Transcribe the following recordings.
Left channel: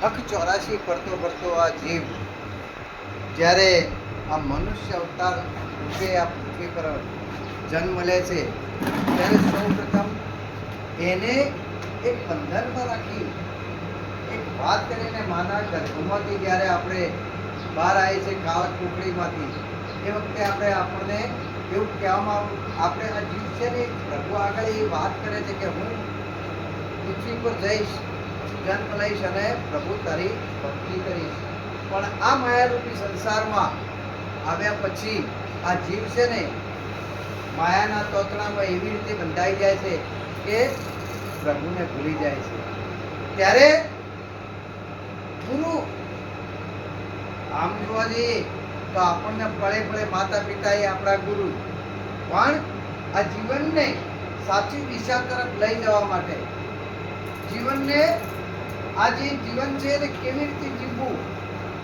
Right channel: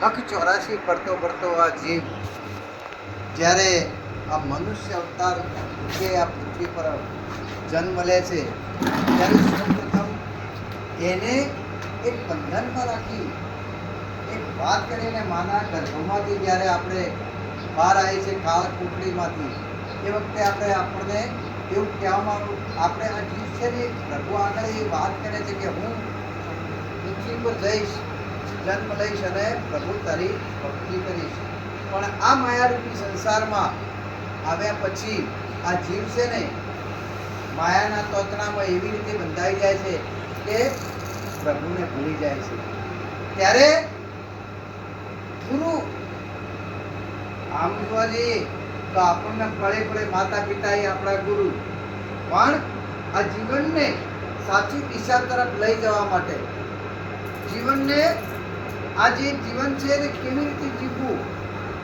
લખ 84 ફરતો ફરતો આ જીવ જ્યારે આ મનુષ્ય અવતાર જે આ પૃથ્વી પર જન્મ લે છે ત્યારે સૌપ્રથમ એને એક બંધનમાં રાખી એક વાત કરીને માના ગર્ભમાંથી જ્યારે આપણે બહાર આવીએ છીએ કાળ કુકડીમાંથી એ વખતે આપણને એવું કહેવામાં આપણે આ જીવ છે ને પ્રભુ આગળ એ વાત કરે છે કે હું પૃથ્વી પર જઈશ, જન્મ લઈશ અને પ્રભુ તારી ભક્તિ કરીશ. પણ આ માયારૂપી સંસારમાં આવ્યા પછી આ જીવ છે ને માયાના તોતણામાં એવી રીતે બંધાઈ જાય છે કે પ્રભુને ભૂલી જાય છે. ત્યારે ગુરુ આમ જોવા જઈએ તો આપણને પડે પડે માતા પિતા એ આપણા ગુરુ, પણ આ જીવનને સાચી દિશા તરફ લઈ જવા માટે જીવનને આ જે જીવન છે તે કેવી રીતે જીવવું,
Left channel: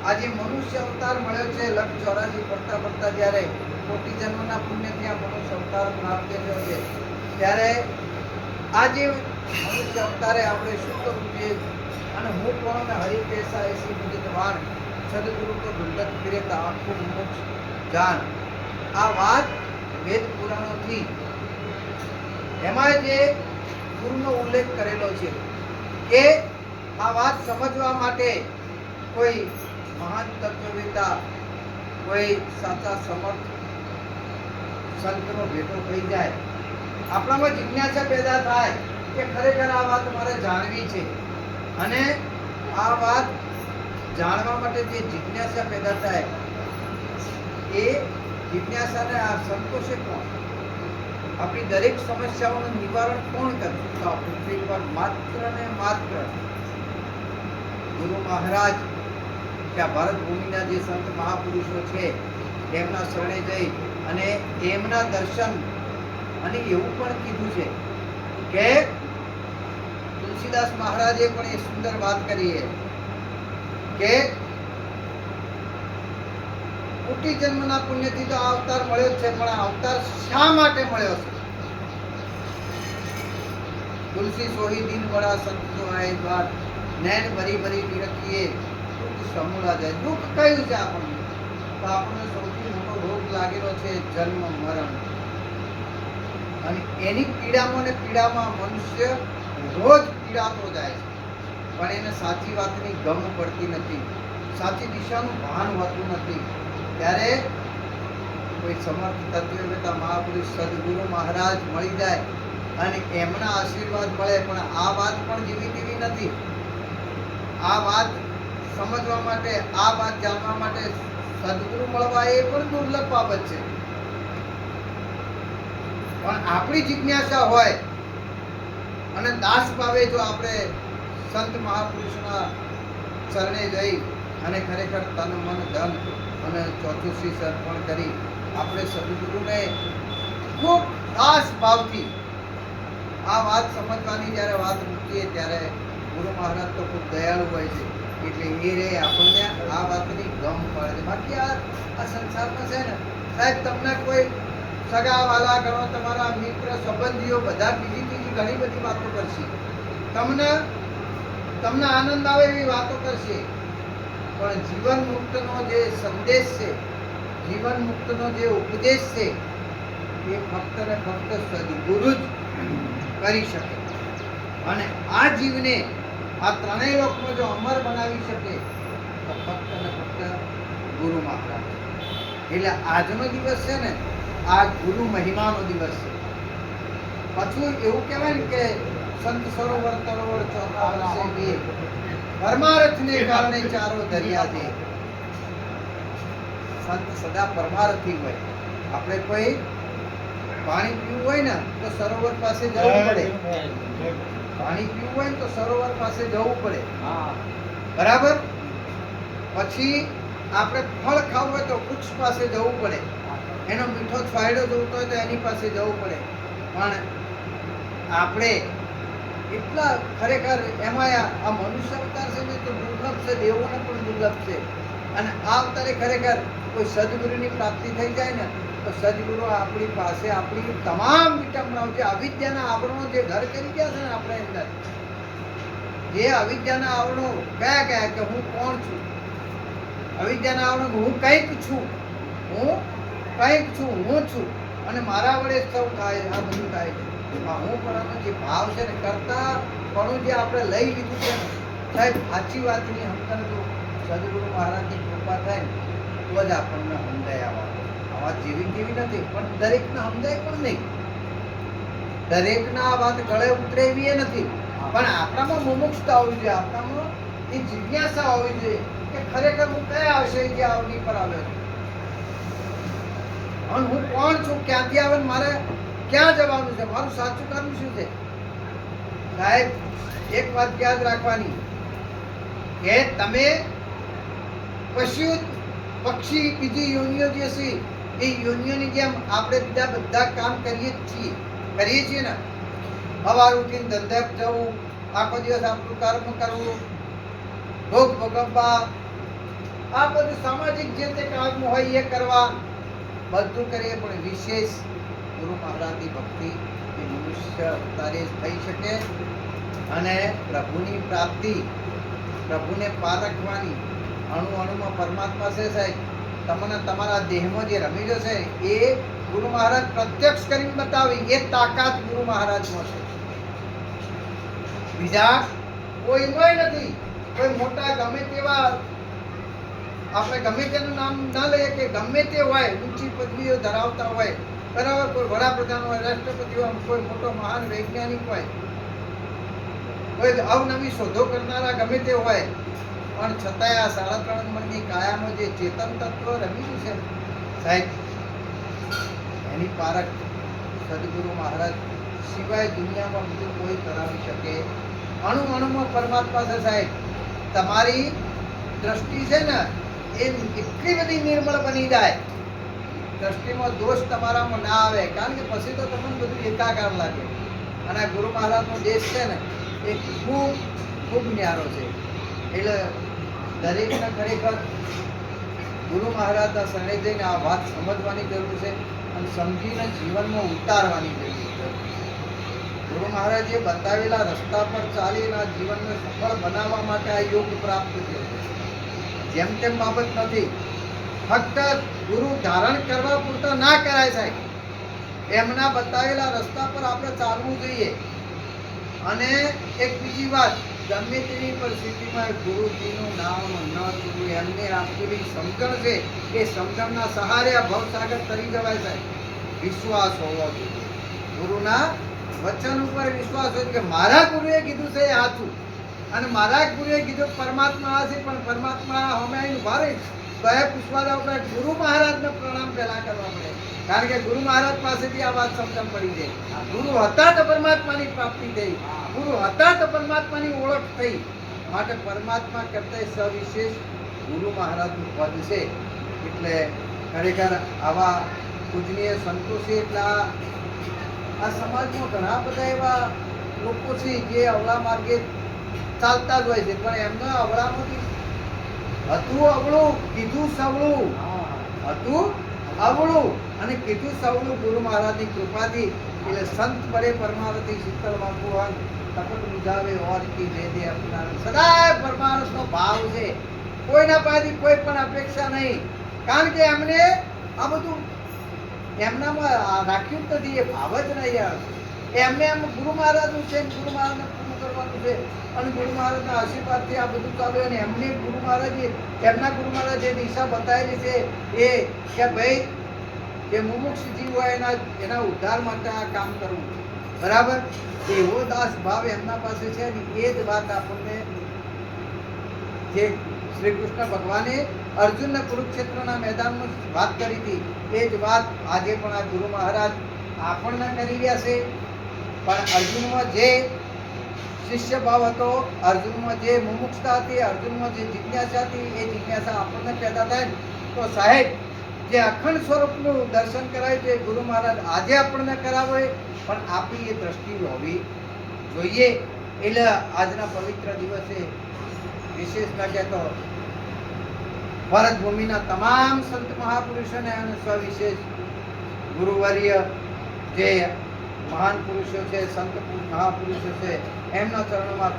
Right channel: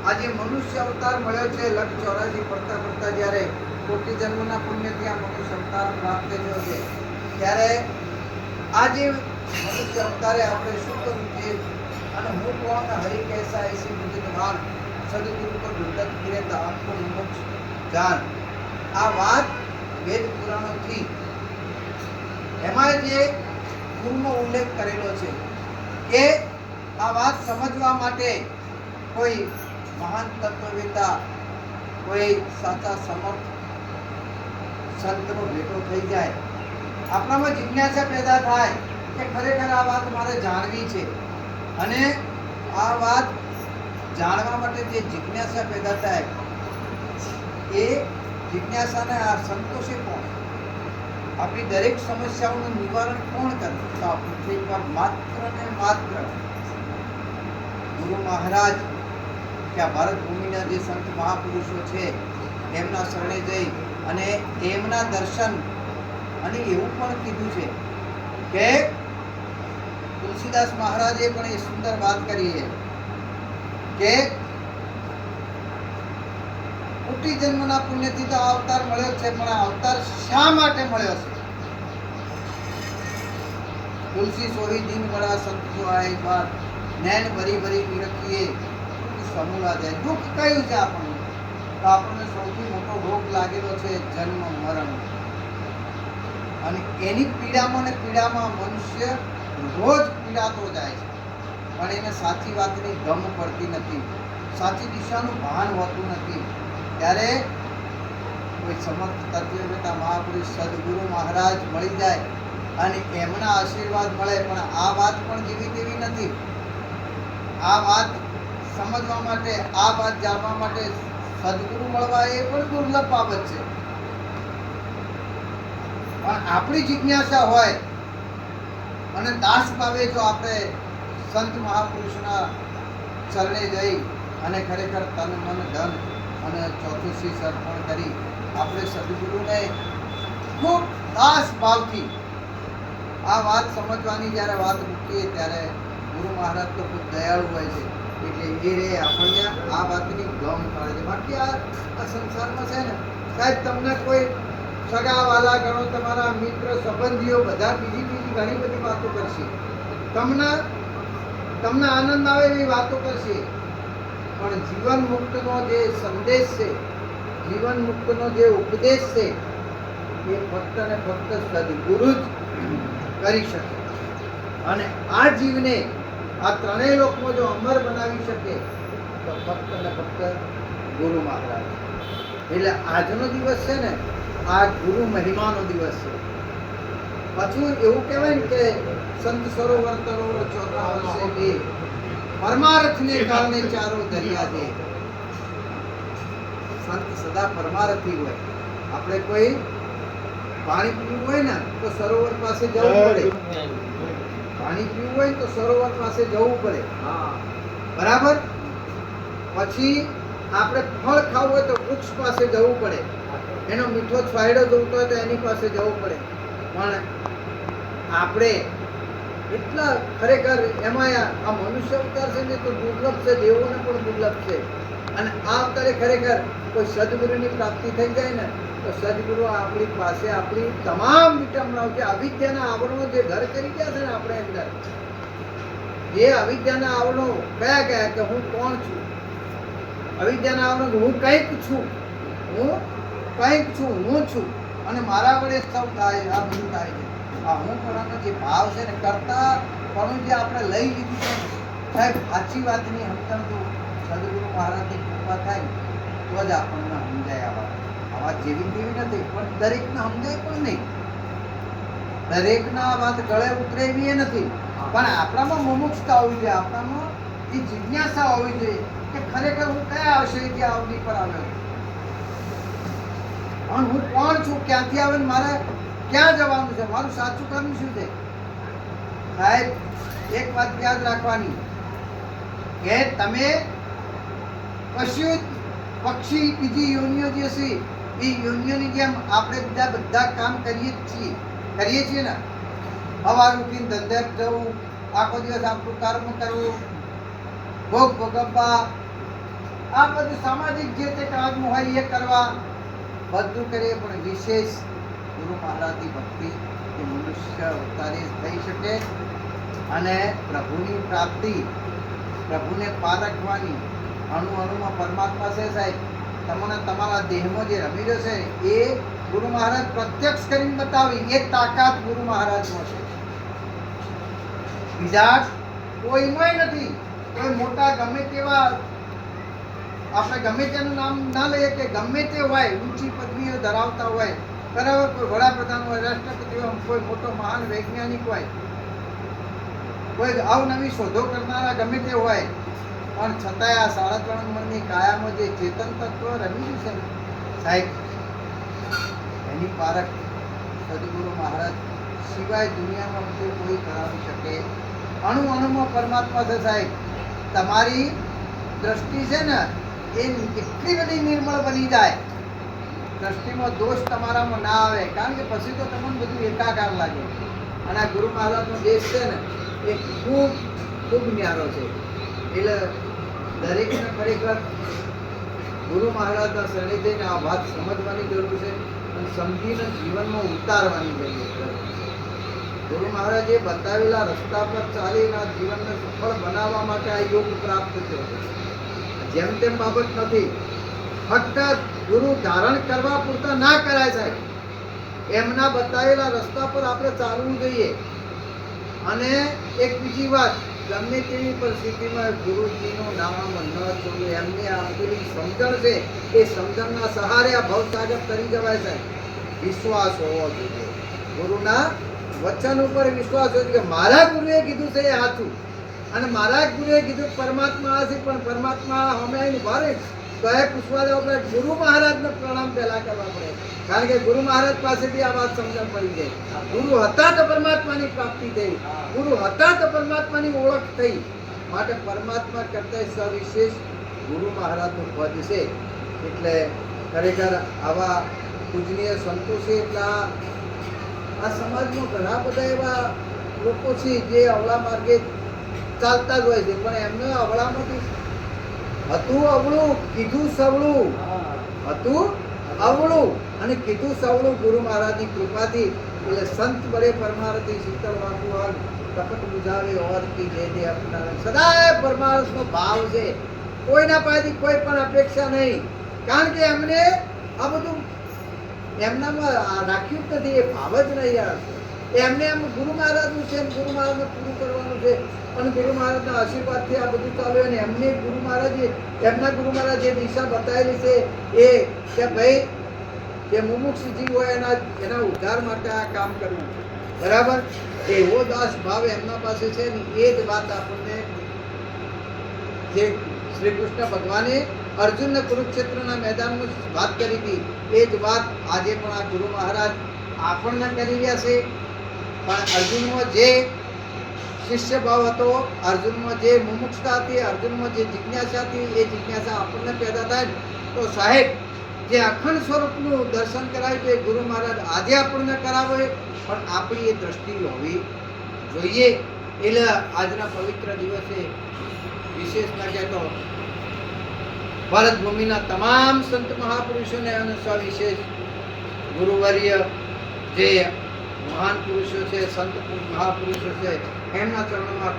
આ જે મનુષ્ય અવતાર મળ્યો છે લખ 84 ફરતા ફરતા જ્યારે કોટી જન્મના પુણ્યથી આ મનુષ્ય અવતાર પ્રાપ્ત થયો છે ત્યારે આ જે મનુષ્ય અવતારે આપણે શું કરવું છે અને હું કોણ હરિ કૈસા એસી મુજે ભાન સદગુરુ કો દુર્લભ ફિરે તો આંખો મોક્ષ જાન. આ વાત વેદ પુરાણોથી એમાં જે પૂર્ણ ઉલ્લેખ કરેલો છે કે આ વાત સમજવા માટે કોઈ મહાન તત્વવેતા, કોઈ સાચા સમર્થ સંતનો ભેટો થઈ જાય, આપણામાં જિજ્ઞાસા પેદા થાય કે ખરેખર આ વાત મારે જાણવી છે. અને આ વાત જાણવા માટે જે જિજ્ઞાસા પેદા થાય એ જિજ્ઞાસાને આ સંતોષે કોણ? આપણી દરેક સમસ્યાઓનું નિવારણ કોણ કરે? તો આ પૃથ્વી પર માત્ર ને માત્ર ગુરુ મહારાજ કે આ ભારત ભૂમિના જે સંત મહાપુરુષો છે એમના શરણે જઈ અને એમના દર્શન. અને એવું પણ કીધું છે કે તુલસીદાસ મહારાજે પણ એ સુંદર વાત કરી છે કે કોટી જન્મના પુણ્યથી તો અવતાર મળ્યો છે, પણ આ અવતાર શા માટે મળ્યો છે? તુલસી સોહી દિન બડા સંત જો આય બાદ નૈન ભરી ભરી નિરખીએ દુઃખ સમૂળા જાય. દુઃખ કયું છે આપણને? તો આપણને સૌથી મોટો રોગ લાગેલો છે જન્મ મરણ. અને એની પીડામાં ને પીડામાં મનુષ્ય રોજ પીડાતો જાય છે, પણ એને સાચી વાતની ગમ પડતી નથી, સાચી દિશાનું ભાન હોતું નથી. ત્યારે કોઈ સમર્થ તત્વવેતા મહાપુરુષ સદગુરુ મહારાજ મળી જાય અને એમના આશીર્વાદ મળે, પણ આ વાત પણ જેવી તેવી નથી. આ વાત સમજવા માટે, આ વાત જાણવા માટે સદગુરુ મળવા એ પણ દુર્લભ બાબત છે. પણ આપણી જિજ્ઞાસા હોય અને દાસ ભાવે જો આપણે સંત મહાપુરુષના ચરણે જઈ અને ખરેખર તન મન ધન અને ચોથું શીશ અર્પણ કરી આપણે સદગુરુને ખૂબ દાસ ભાવથી આ વાત સમજવાની જ્યારે વાત મૂકીએ ત્યારે ગુરુ મહારાજ તો ખૂબ દયાળુ હોય છે, એટલે એ રે આપણને આ વાતની ગમ પડે છે. બાકી આ સંસારમાં છે ને સાહેબ, તમને કોઈ સગા વાલા ગણો, તમારા મિત્ર સંબંધીઓ બધા બીજી ઘણી બધી વાતો કરશે, તમને આનંદ આવે એવી વાતો કરશે, પણ જીવન મુક્તનો જે સંદેશ છે, જીવન મુક્તનો જે ઉપદેશ છે એ ફક્ત ને ફક્ત સદગુરુ જ કરી શકે. અને આ જીવને આ ત્રણેય લોકમાં જો અમર બનાવી શકે તો ફક્ત ને ફક્ત ગુરુ મહારાજ. એટલે આજનો દિવસ છે ને આ ગુરુ મહિમાનો દિવસ છે. પાછું એવું કહેવાય ને કે સંત સરોવર તરોવર ચોથા વર્ષે બે પરમાર્થને કારણે ચારો દરિયા દે. સંત સદા પરમાર્થી હોય. આપણે કોઈ પાણી પીવું હોય ને તો સરોવર પાસે જવું પડે, પાણી પીવું હોય તો સરોવર પાસે જવું પડે, બરાબર. પછી આપણે ફળ ખાવું હોય તો વૃક્ષ પાસે જવું પડે, એનો મીઠો છવાયડો જોતો હોય તો એની પાસે જવું પડે. પણ આપણે એટલા ખરેખર એમાં આ મનુષ્ય અવતાર છે ને તો દુર્લભ છે, દેવોને પણ દુર્લભ છે. અને આ અવતારે ખરેખર કોઈ સદગુરુની પ્રાપ્તિ થઈ જાય ને તો સદગુરુ આપણી પાસે આપણી તમામ વિટંબનાઓ જે અવિદ્યાના આવરણો જે ઘર કરી ગયા છે ને આપણે અંદર, એ અવિદ્યાના આવરણો કયા કયા કે હું કોણ છું, અવિદ્યાના આવરણો હું કંઈક છું, હું કંઈક છું, હું છું અને મારા વડે સૌ થાય, આ બધું થાય છે. આ હું પણાનો જે ભાવ છે ને, કરતા પણ જે આપણે લઈ લીધું છે ને સાહેબ, સાચી વાતની સમજણ જો સદગુરુ મહારાજની કૃપા થાય ને તો જ આપણને સમજાય. આવા જેવી તેવી નથી, પણ દરેકને સમજાય પણ નહીં, દરેકના આ વાત ગળે ઉતરે એવી એ નથી. પણ આપણામાં મુમુક્ષતા હોવી જોઈએ, આપણામાં એ જિજ્ઞાસા હોવી જોઈએ કે ખરેખર હું કયા આશયથી અવની પર આવ્યો છું અને હું કોણ છું, ક્યાંથી આવે ને મારે ક્યાં જવાનું છે, મારું સાચું કર્મ શું છે. સાહેબ એક વાત યાદ રાખવાની કે તમે પશુ પક્ષી બીજી યોનિઓ જે છે એ યોનિઓની જેમ આપણે બધા કામ કરીએ છીએ ને. સવાર ઉઠીને ધંધે જવું, આખો દિવસ આપણું કર્મ કરવું, ભોગ ભોગવવા, આ બધું સામાજિક જે તે કામ હોય એ કરવા, બધું કરીએ. પણ વિશેષ ગુરુ મહારાજની ભક્તિ એ મનુષ્ય અવતારે થઈ શકે અને પ્રભુની પ્રાપ્તિ, પ્રભુને પારખવાની. અણુ અણુમાં પરમાત્મા છે સાહેબ. તમને તમારા દેહમાં જે રમી રહ્યો છે એ ગુરુ મહારાજ પ્રત્યક્ષ કરીને બતાવી, એ તાકાત ગુરુ મહારાજમાં છે, બીજા કોઈમાંય નથી. કોઈ મોટા ગમે તેવા આપણે ગમે તેનું નામ ના લઈએ કે ગમે તે હોય, ઊંચી પદવીઓ ધરાવતા હોય, બરાબર, કોઈ વડાપ્રધાન હોય, રાષ્ટ્રપતિ હોય, કોઈ મોટો મહાન વૈજ્ઞાનિક હોય, કોઈ અવનવી શોધો કરનારા ગમે તે હોય, પણ છતાંય આ 3.5 મણની કાયામાં જે ચેતન તત્વ રમેલું છે સાહેબ, એની પારખ સદગુરુ મહારાજ સિવાય દુનિયામાં બીજું કોઈ કરાવી શકે. અણુ અણુમાં પરમાત્મા છે સાહેબ. તમારી દ્રષ્ટિ છે ને એ એટલી બધી નિર્મળ બની જાય, દ્રષ્ટિમાં દોષ તમારામાં ના આવે, કારણ કે પછી તો તમને બધું એકાકાર લાગે. અને આ ગુરુ મહારાજનો દેશ છે ને એ ખૂબ ખૂબ ન્યારો છે. એટલે દરેકને ખરેખર ગુરુ મહારાજના શરણે જઈને આ વાત સમજવાની જરૂર છે અને સમજીને જીવનમાં ઉતારવાની જરૂર છે. ગુરુ મહારાજે બતાવેલા રસ્તા પર ચાલીને આ જીવનને સફળ બનાવવા માટે આ યોગ પ્રાપ્ત છે. જેમ તેમ બાબત નથી. ફક્ત ગુરુ ધારણ કરવા પૂરતા ના કરાય સાહેબ, એમના બતાવેલા રસ્તા પર આપણે ચાલવું જોઈએ. અને એક બીજી વાત, ગમે તેવી પરિસ્થિતિમાં ગુરુજીનું નામ ન છોડવું, એમને આપેલી સમજણ છે એ સમજણના સહારે આ ભવસાગર તરી જવાય સાહેબ. વિશ્વાસ હોવો જોઈએ, ગુરુના વચન ઉપર વિશ્વાસ હોય કે મારા ગુરુએ કીધું છે એ સાચું, અને મારા ગુરુએ કીધું પરમાત્મા આ છે, પણ પરમાત્મા અમે ઉભા રહી તો એ પૂછવા આપણે ગુરુ મહારાજને પ્રણામ પહેલા કરવા પડે, કારણ કે ગુરુ મહારાજ પાસેથી આ વાત સમજણ પડી જાય. ગુરુ હતા તો પરમાત્માની પ્રાપ્તિ થઈ, ગુરુ હતા તો પરમાત્માની ઓળખ થઈ. માટે પરમાત્મા કરતા સવિશેષ ગુરુ મહારાજનું પદ છે. એટલે ખરેખર આવા પૂજનીય સંતો છે. એટલે આ સમાજમાં ઘણા બધા એવા લોકો છે જે અવળા માર્ગે ચાલતા જ હોય છે, પણ એમનો અવળામાંથી હતું અવળું, કીધું સવળું, હતું અવળું અને કીધું સવળું ગુરુ મહારાજની કૃપાથી. એટલે સંત બળે પરમારથી શીતળ વાંકું તપત બુધાવે ઓરતી વેદે અપનાવે. સદાય પરમાર્થનો ભાવ છે, કોઈના પાસેથી કોઈ પણ અપેક્ષા નહીં, કારણ કે એમને આ બધું એમનામાં રાખ્યું જ નથી, એ ભાવ જ નહીં યાર. એમને એમ ગુરુ મહારાજનું છે, ગુરુ મહારાજને પૂરું કરવાનું છે અને ગુરુ મહારાજના આશીર્વાદથી આ બધું ચાલુ. અને એમને ગુરુ મહારાજે એમના ગુરુ મહારાજ જે દિશા બતાવેલી છે એ કે ભાઈ જે મુમુક્ષ જીવ હોય એના ઉદ્ધાર માટે આ કામ કરવું, બરાબર. એવો દાસ ભાવ એમના પાસે છે ને એ જ વાત આપણને જે શ્રી કૃષ્ણ ભગવાને અર્જુનને કુરુક્ષેત્રના મેદાનમાં વાત કરી હતી એ જ વાત આજે પણ આ ગુરુ મહારાજ આપણને કરી રહ્યા છે. પણ અર્જુનમાં જે શિષ્ય ભાવ હતો, અર્જુનમાં જે મુમુક્ષતા હતી, અર્જુનમાં જે જિજ્ઞાસા હતી, એ જિજ્ઞાસા આપણને પેદા થાય તો સાહેબ જે અખંડ સ્વરૂપનું દર્શન કરાય એ ગુરુ મહારાજ આજે આપણને કરાવે, પણ આપણી એ દ્રષ્ટિ હોવી જોઈએ. એટલે આજના પવિત્ર દિવસે વિશેષતા કહેતો ભારત ભૂમિના તમામ સંત મહાપુરુષોને અને સવિશેષ ગુરુવર્ય જે મહાન પુરુષો છે, સંત મહાપુરુષો છે, એમના ચરણોમાં